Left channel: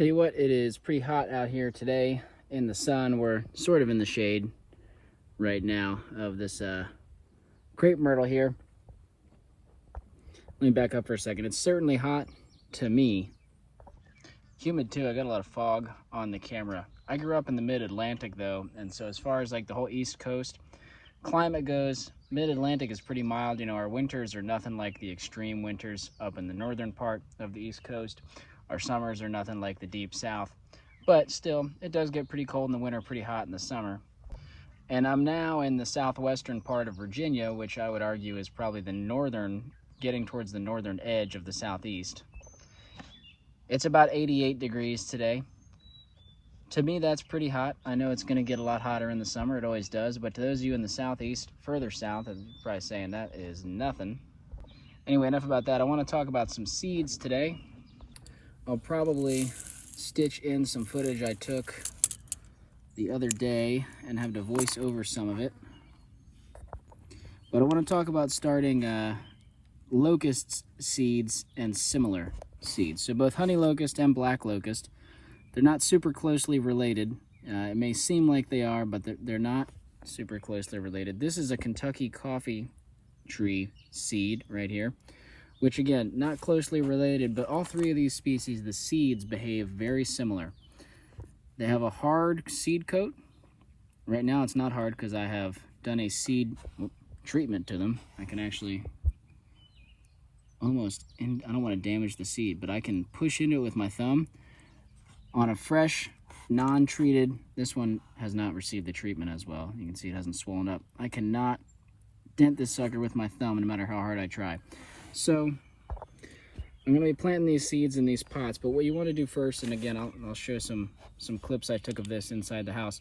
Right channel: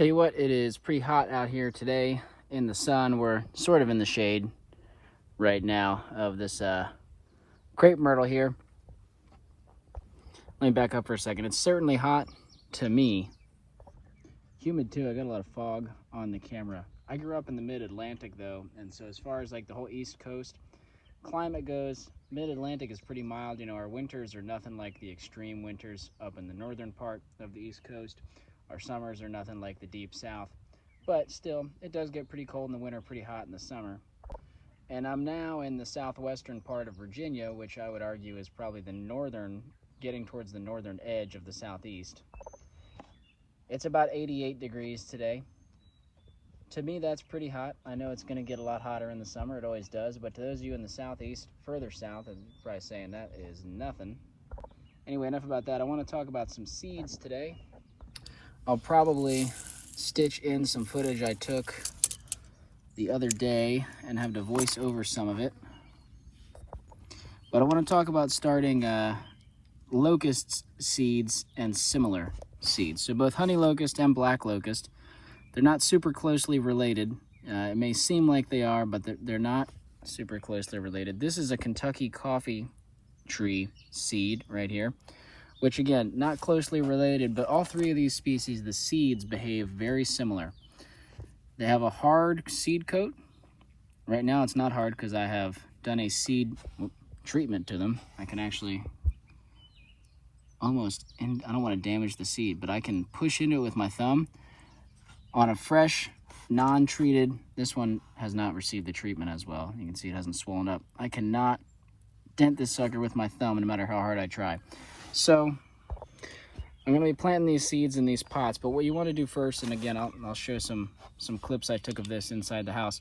Tell you what, it is pretty hot out here today in the sun. We're sort of in the shade right now of this crepe myrtle here. Let me back up for a second. It's certainly hot to me. Humid too. I got a lot of fog on the camera. I grew up in the mid-Atlantic though, and so as far as like the whole East Coast climate goes, mid-Atlantic is pretty mild. You know, our winters are nothing like the extreme winters up in the northern part of the East Coast. Our summers are nothing like the deep south, but still, it does get pretty cold in the winter, pretty hot in the summer. And I'm now in the southwestern part of Virginia, which I would argue is probably the northern, getting towards the northern edge of the southeast. It's about 88 degrees today. To me, that's pretty hot. I know it's gonna get a lot hotter in the summer, it always does, but to those of you in the southeast, further south, I'm probably saying that is nothing. Anyway, enough about that. I wanna talk about some seeds today. I'll probably stitch in some footage I took the other day and have to voice over some of it. But I want to talk about starting locust seeds and similar seeds. So both honey locust and black locust, they're not super closely related. It may seem like they are, but they're not super closely related. This is a Kentucky coffee tree seed right here, which again, not closely related, but all three of these species, the seeds behave very similar. They have a hard seed coat. Right now it's not hard because I have done a seed treatment to them. I can actually almost, and I don't want to damage the seed, but I can push into it with my thumb on a fresh, non-treated, this one has not received the treatment as well. You can see it hasn't swollen up. I cannot dent this sucker with my thumb no matter how hard I try. So I'm going to be planting these seeds in these pots, but what you want to do first, and again, I'll show some clips I took of this inside the house.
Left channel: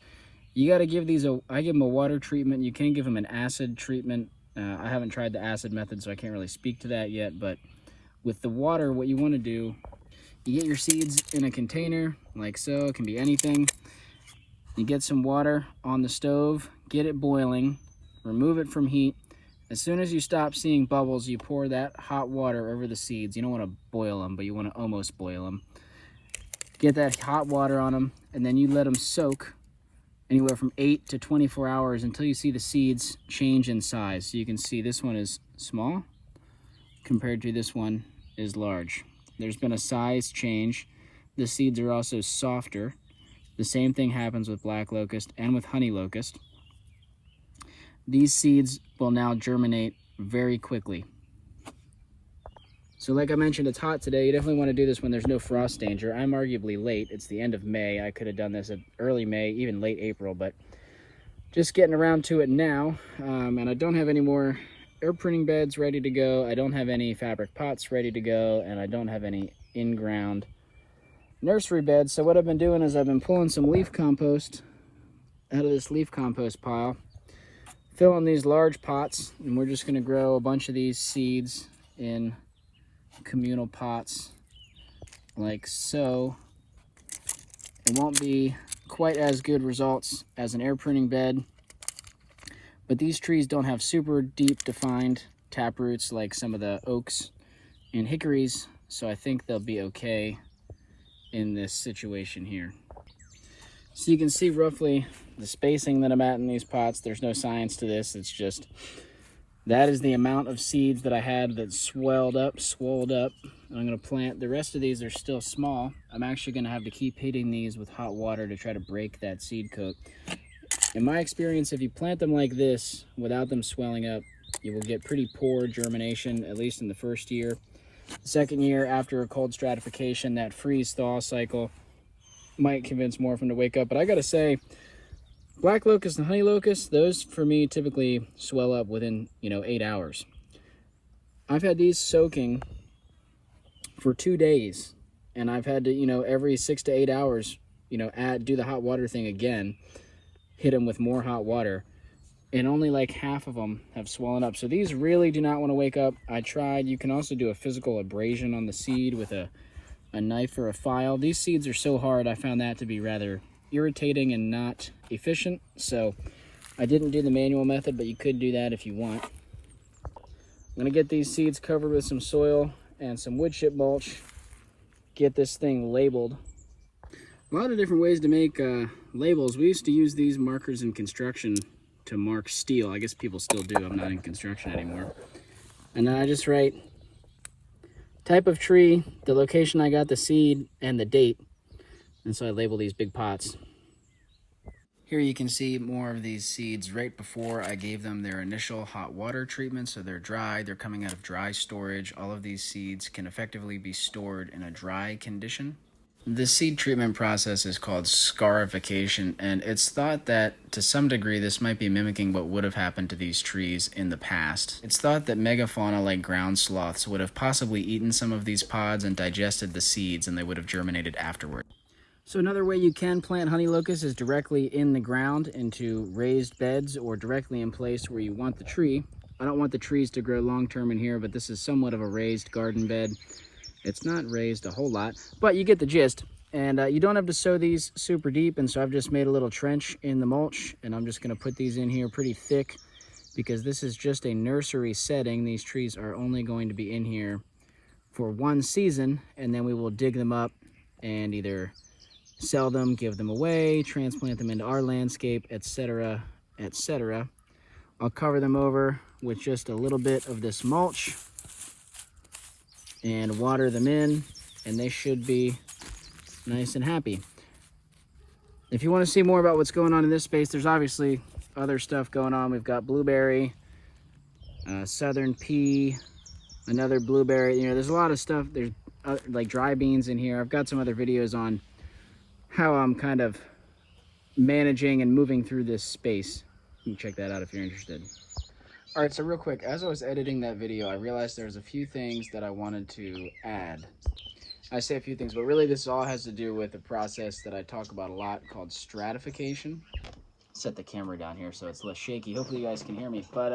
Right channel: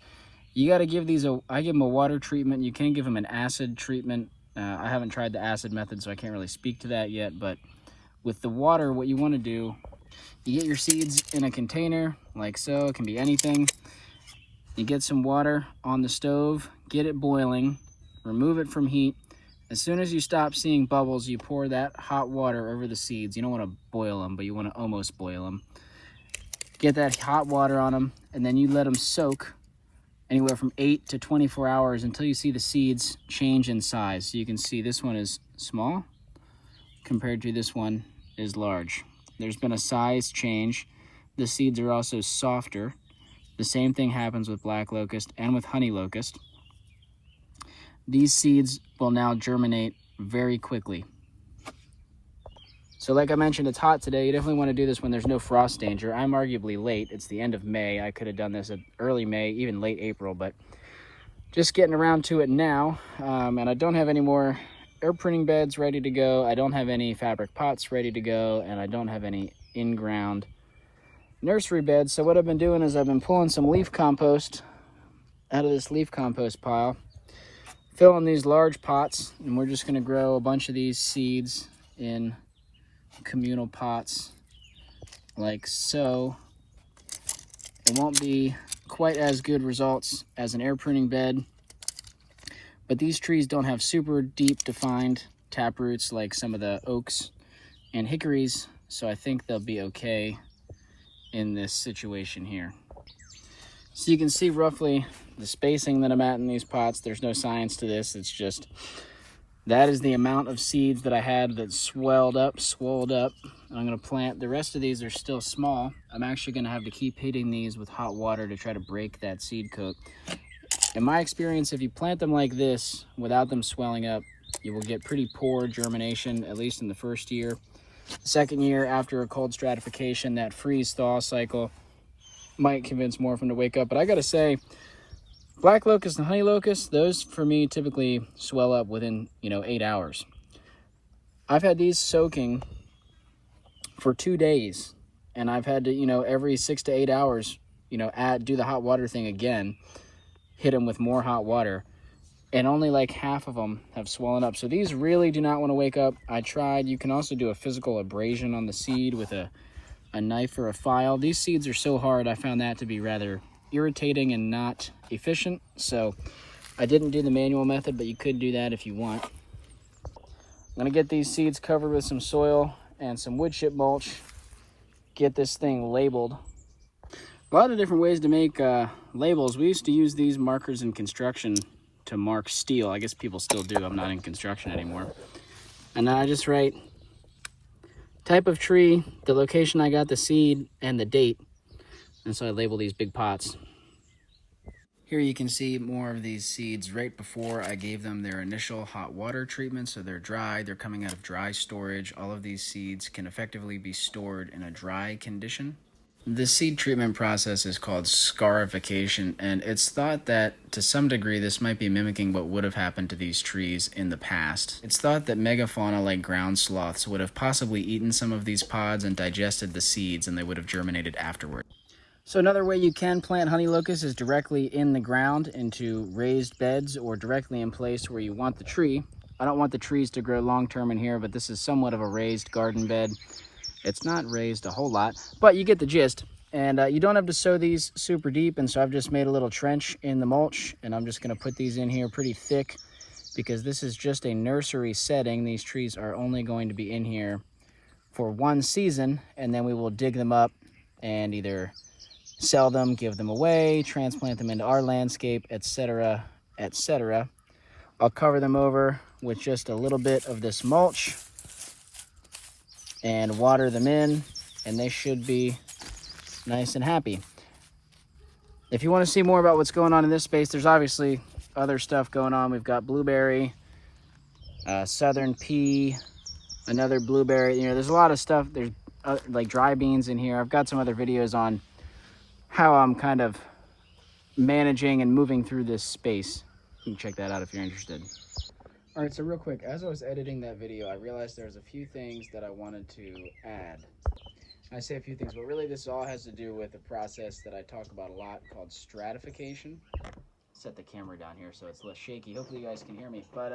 You got to give these I give them a water treatment. You can give them an acid treatment. I haven't tried the acid method, so I can't really speak to that yet, but with the water, what you want to do, you get your seeds in a container like so. It can be anything. You get some water on the stove, get it boiling, remove it from heat. As soon as you stop seeing bubbles, you pour that hot water over the seeds. You don't want to boil them, but you want to almost boil them. Get that hot water on them, and then you let them soak anywhere from 8 to 24 hours until you see the seeds change in size. So you can see this one is small compared to this one is large. There's been a size change. The seeds are also softer. The same thing happens with black locust and with honey locust. These seeds will now germinate very quickly. So like I mentioned, it's hot today. You definitely want to do this when there's no frost danger. I'm arguably late. It's the end of May. I could have done this at early May, even late April, but just getting around to it now. And I don't have any more air printing beds ready to go. I don't have any fabric pots ready to go, and I don't have any in-ground nursery beds. So what I've been doing is I've been pulling some leaf compost out of this leaf compost pile, filling these large pots, and we're just going to grow a bunch of these seeds in communal pots like so. It won't be quite as good results as an air printing bed, but these trees don't have super deep defined tap roots like some of the oaks and hickories, so I think they'll be okay in this situation here. So you can see roughly the spacing that I'm at in these pots. There's no science to this. It's just, that is the amount of seeds that I had that swelled up. I'm gonna plant, the rest of these are still small. I'm actually gonna have to keep hitting these with hot water to try to break that seed coat. In my experience, if you plant them like this without them swelling up, you will get pretty poor germination, at least in the first year. The second year, after a cold stratification, that freeze-thaw cycle might convince more of them to wake up. But I gotta say, black locust and honey locust, those for me typically swell up within 8 hours. I've had these soaking for 2 days, and I've had to every 6 to 8 hours do the hot water thing again, hit them with more hot water, and only like half of them have swollen up. So these really do not want to wake up. I tried. You can also do a physical abrasion on the seed with a knife or a file. These seeds are so hard, I found that to be rather irritating and not efficient, so I didn't do the manual method, but you could do that if you want. I'm gonna get these seeds covered with some soil and some wood chip mulch, get this thing labeled A lot of different ways to make labels. We used to use these markers in construction to mark steel. I guess people still do. I'm not in construction anymore. And then I just write type of tree, the location I got the seed, and the date. And so I label these big pots. Here you can see more of these seeds right before I gave them their initial hot water treatment. So they're dry, they're coming out of dry storage. All of these seeds can effectively be stored in a dry condition. The seed treatment process is called scarification, and it's thought that to some degree this might be mimicking what would have happened to these trees in the past. It's thought that megafauna like ground sloths would have possibly eaten some of these pods and digested the seeds, and they would have germinated afterward. So another way you can plant honey locust is directly in the ground into raised beds or directly in place where you want the tree. I don't want the trees to grow long term in here, but this is somewhat of a raised garden bed. It's not raised a whole lot, but you get the gist. And you don't have to sow these super deep, and so I've just made a little trench in the mulch, and I'm just going to put these in here pretty thick because this is just a nursery setting. These trees are only going to be in here for one season, and then we will dig them up and either sell them, give them away, transplant them into our landscape, etc., etc. I'll cover them over with just a little bit of this mulch and water them in, and they should be nice and happy. If you want to see more about what's going on in this space, there's obviously other stuff going on. We've got blueberry, southern pea, another blueberry. You know, there's a lot of stuff. There's like dry beans in here. I've got some other videos on how I'm kind of managing and moving through this space. You can check that out if you're interested. All right, so real quick, as I was editing that video, I realized there's a few things that I wanted to add. I say a few things, but really this all has to do with a process that I talk about a lot called stratification. Set the camera down here so it's less shaky. Hopefully you guys can hear me, but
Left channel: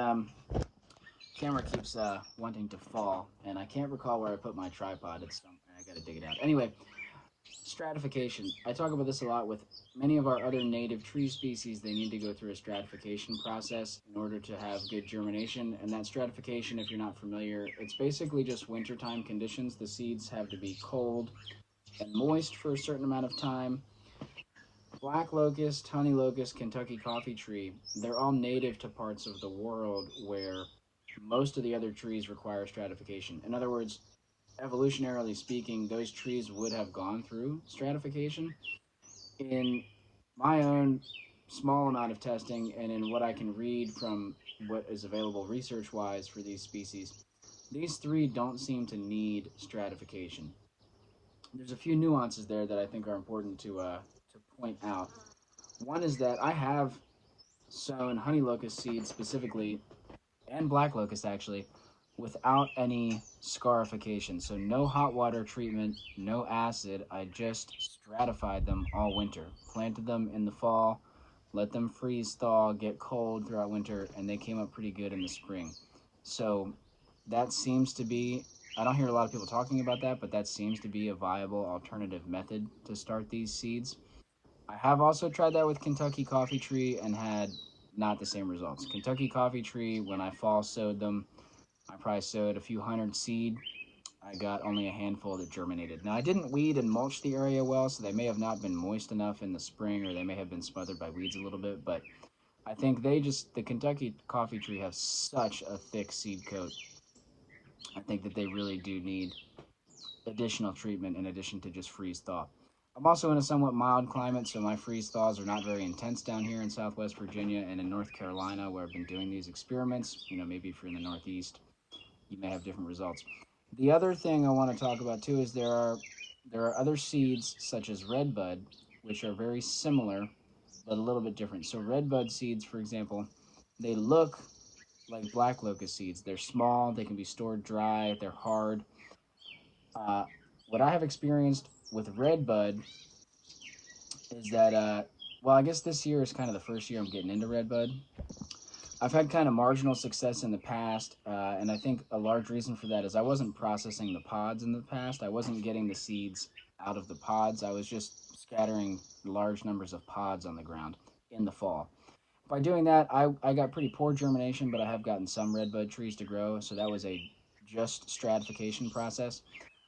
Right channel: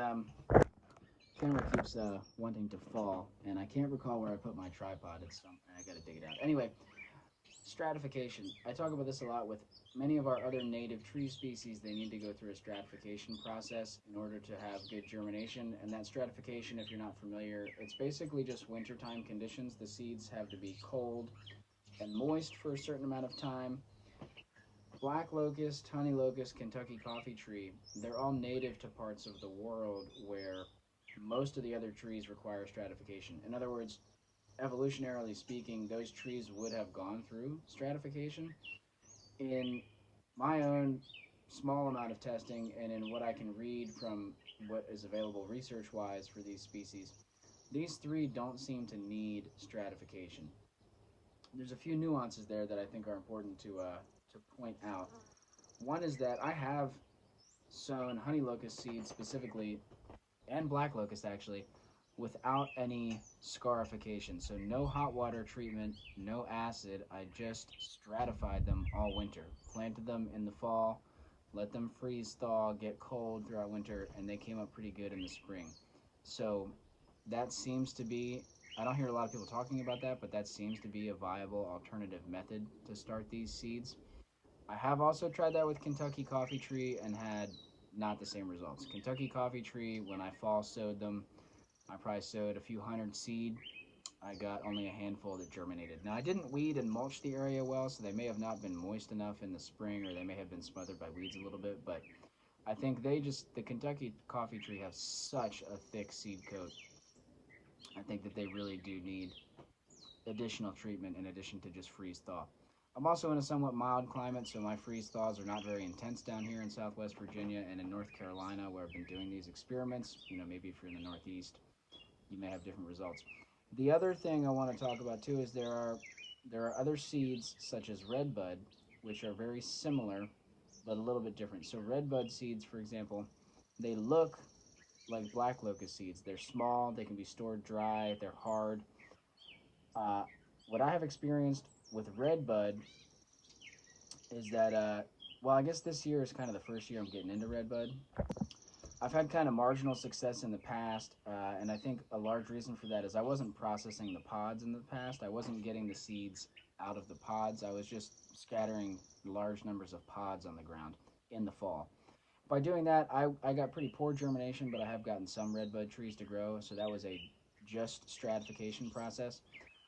camera keeps wanting to fall, and I can't recall where I put my tripod. It's somewhere. I gotta dig it out. Anyway, stratification. I talk about this a lot with many of our other native tree species. They need to go through a stratification process in order to have good germination. And that stratification, if you're not familiar, it's basically just wintertime conditions. The seeds have to be cold and moist for a certain amount of time. Black locust, honey locust, Kentucky coffee tree, they're all native to parts of the world where most of the other trees require stratification. In other words, evolutionarily speaking, those trees would have gone through stratification. In my own small amount of testing and in what I can read from what is available research-wise for these species, these three don't seem to need stratification. There's a few nuances there that I think are important to point out. One is that I have sown honey locust seeds specifically, and black locust actually, without any scarification. So no hot water treatment, no acid. I just stratified them all winter. Planted them in the fall, let them freeze thaw, get cold throughout winter, and they came up pretty good in the spring. So that seems to be, I don't hear a lot of people talking about that, but that seems to be a viable alternative method to start these seeds. I have also tried that with Kentucky coffee tree and had not the same results. Kentucky coffee tree, when I fall sowed them, I probably sowed a few hundred seed. I got only a handful that germinated. Now, I didn't weed and mulch the area well, so they may have not been moist enough in the spring, or they may have been smothered by weeds a little bit, but I think the Kentucky coffee tree have such a thick seed coat. I think that they really do need additional treatment in addition to just freeze thaw. I'm also in a somewhat mild climate, so my freeze thaws are not very intense down here in Southwest Virginia and in North Carolina, where I've been doing these experiments. You know, maybe if you're in the Northeast, you may have different results. The other thing I want to talk about too is there are other seeds such as Redbud, which are very similar but a little bit different. So Redbud seeds, for example, they look like black locust seeds. They're small, they can be stored dry, they're hard. Uh, what I have experienced with Redbud is that, well, I guess this year is kind of the first year I'm getting into Redbud. I've had kind of marginal success in the past, and I think a large reason for that is I wasn't processing the pods in the past. I wasn't getting the seeds out of the pods. I was just scattering large numbers of pods on the ground in the fall. By doing that, I got pretty poor germination, but I have gotten some redbud trees to grow, so that was a just stratification process.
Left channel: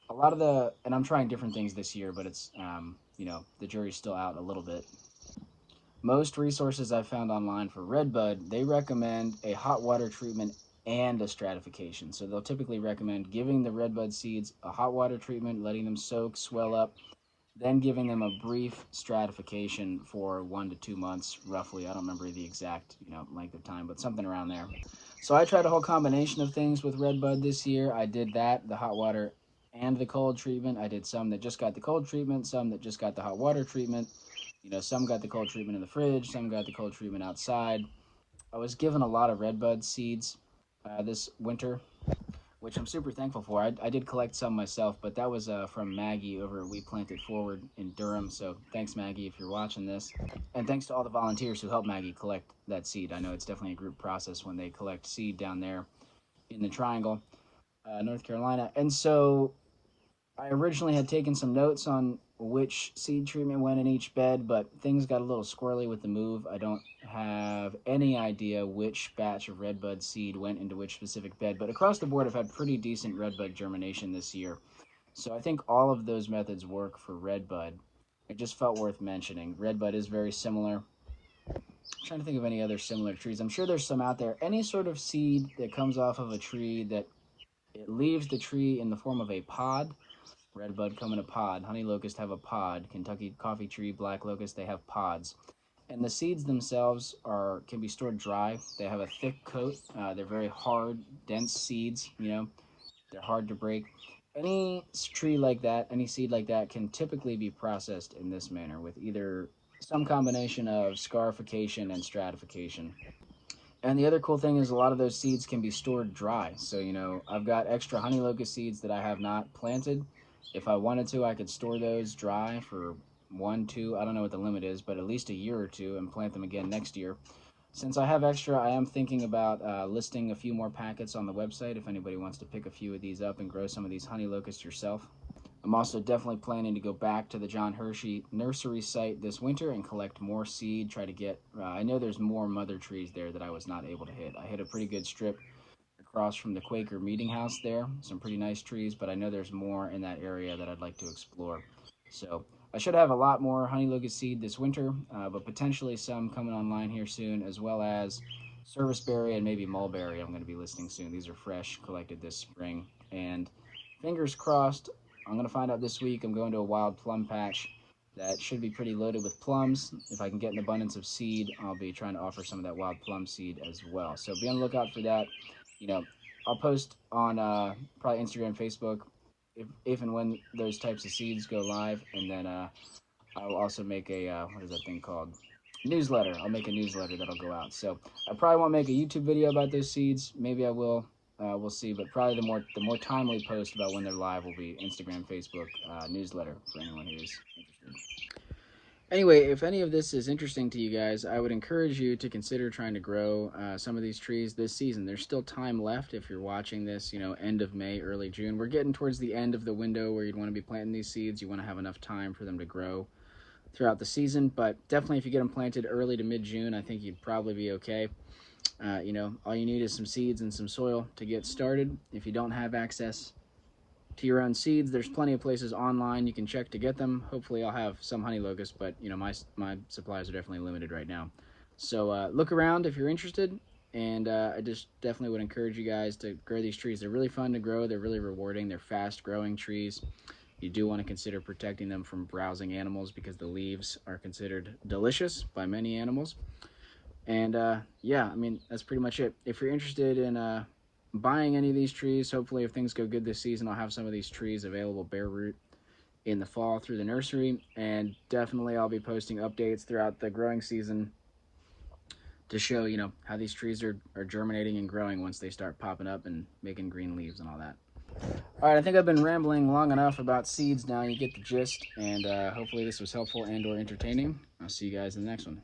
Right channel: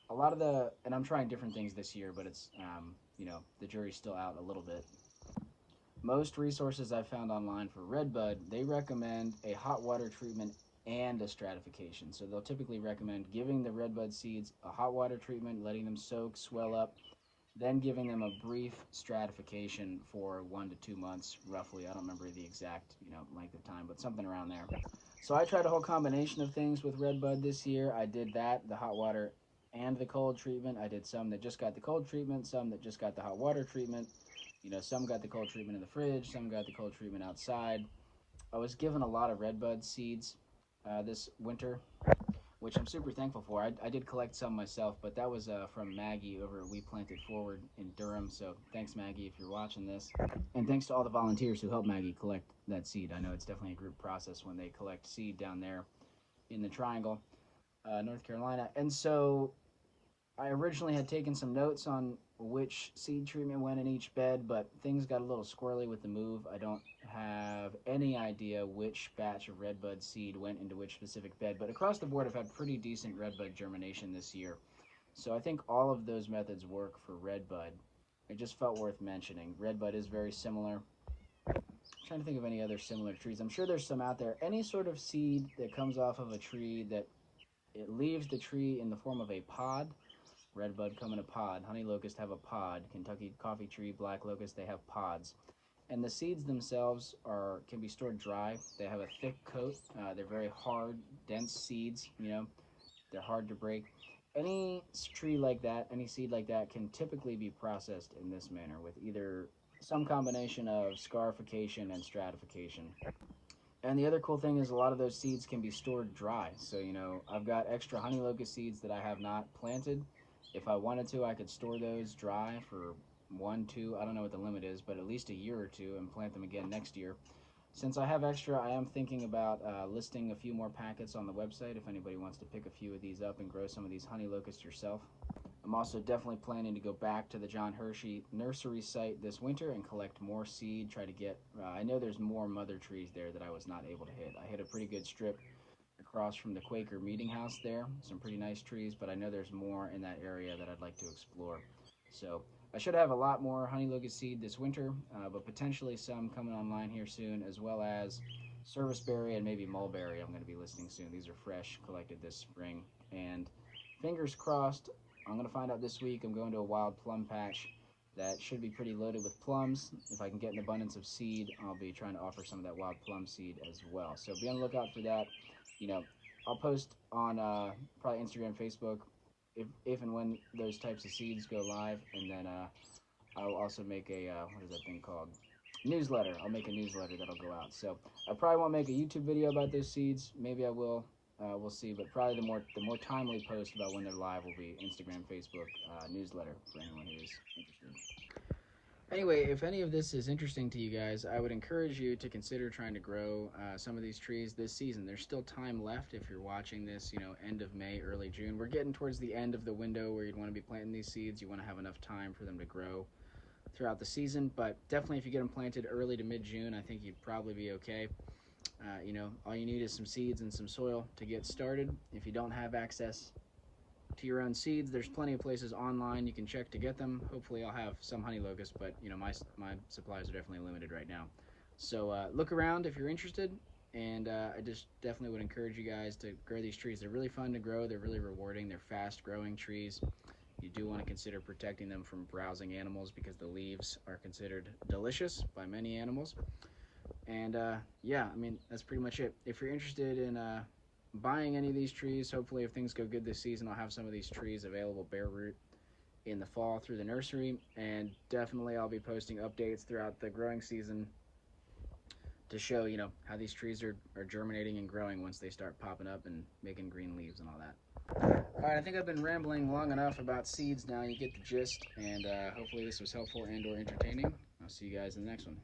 a lot of the, and I'm trying different things this year, but it's, you know, the jury's still out a little bit. Most resources I've found online for Redbud, they recommend a hot water treatment and a stratification. So they'll typically recommend giving the Redbud seeds a hot water treatment, letting them soak, swell up, then giving them a brief stratification for 1 to 2 months, roughly. I don't remember the exact, you know, length of time, but something around there. So I tried a whole combination of things with Redbud this year. I did that, the hot water and the cold treatment. I did some that just got the cold treatment, some that just got the hot water treatment. You know, some got the cold treatment in the fridge, some got the cold treatment outside. I was given a lot of Redbud seeds this winter, which I'm super thankful for. I did collect some myself, but that was from Maggie over at We Planted Forward in Durham. So thanks, Maggie, if you're watching this. And thanks to all the volunteers who helped Maggie collect that seed. I know it's definitely a group process when they collect seed down there in the Triangle, North Carolina. And so I originally had taken some notes on which seed treatment went in each bed, but things got a little squirrely with the move. I don't have any idea which batch of Redbud seed went into which specific bed, but across the board I've had pretty decent Redbud germination this year. So I think all of those methods work for Redbud. It just felt worth mentioning. Redbud is very similar. I'm trying to think of any other similar trees. I'm sure there's some out there. Any sort of seed that comes off of a tree that it leaves the tree in the form of a pod. Redbud come in a pod. Honey locust have a pod. Kentucky coffee tree, black locust, they have pods. And the seeds themselves can be stored dry. They have a thick coat. They're very hard, dense seeds. You know, they're hard to break. Any tree like that, any seed like that, can typically be processed in this manner with either some combination of scarification and stratification. And the other cool thing is a lot of those seeds can be stored dry. So, you know, I've got extra honey locust seeds that I have not planted. If I wanted to, I could store those dry for 1, 2, I don't know what the limit is, but at least a year or two and plant them again next year. Since I have extra, I am thinking about listing a few more packets on the website if anybody wants to pick a few of these up and grow some of these honey locusts yourself. I'm also definitely planning to go back to the John Hershey nursery site this winter and collect more seed, try to get, I know there's more mother trees there that I was not able to hit. I hit a pretty good strip across from the Quaker Meeting House there, some pretty nice trees, but I know there's more in that area that I'd like to explore. So I should have a lot more honey locust seed this winter, but potentially some coming online here soon, as well as serviceberry and maybe mulberry I'm going to be listing soon. These are fresh, collected this spring, and fingers crossed, I'm going to find out this week. I'm going to a wild plum patch that should be pretty loaded with plums. If I can get an abundance of seed, I'll be trying to offer some of that wild plum seed as well. So be on the lookout for that. You know, I'll post on probably Instagram, Facebook, if and when those types of seeds go live, and then I'll also make a what is that thing called? Newsletter. I'll make a newsletter that'll go out. So I probably won't make a YouTube video about those seeds. Maybe I will. We'll see. But probably the more timely post about when they're live will be Instagram, Facebook, newsletter for anyone who's interested. Anyway, if any of this is interesting to you guys, I would encourage you to consider trying to grow some of these trees this season. There's still time left if you're watching this, you know, end of May, early June. We're getting towards the end of the window where you'd want to be planting these seeds. You want to have enough time for them to grow throughout the season, but definitely if you get them planted early to mid-June, I think you'd probably be okay. You know, all you need is some seeds and some soil to get started. If you don't have access to your own seeds, there's plenty of places online you can check to get them. Hopefully I'll have some honey locust, but you know, my supplies are definitely limited right now. So look around if you're interested, and I just definitely would encourage you guys to grow these trees. They're really fun to grow, they're really rewarding, they're fast growing trees. You do want to consider protecting them from browsing animals because the leaves are considered delicious by many animals. And yeah, I mean, that's pretty much it. If you're interested in buying any of these trees, hopefully if things go good this season, I'll have some of these trees available bare root in the fall through the nursery. And definitely I'll be posting updates throughout the growing season to show, you know, how these trees are germinating and growing once they start popping up and making green leaves and all that. All right, I think I've been rambling long enough about seeds now. You get the gist, and hopefully this was helpful and or entertaining. I'll see you guys in the next one.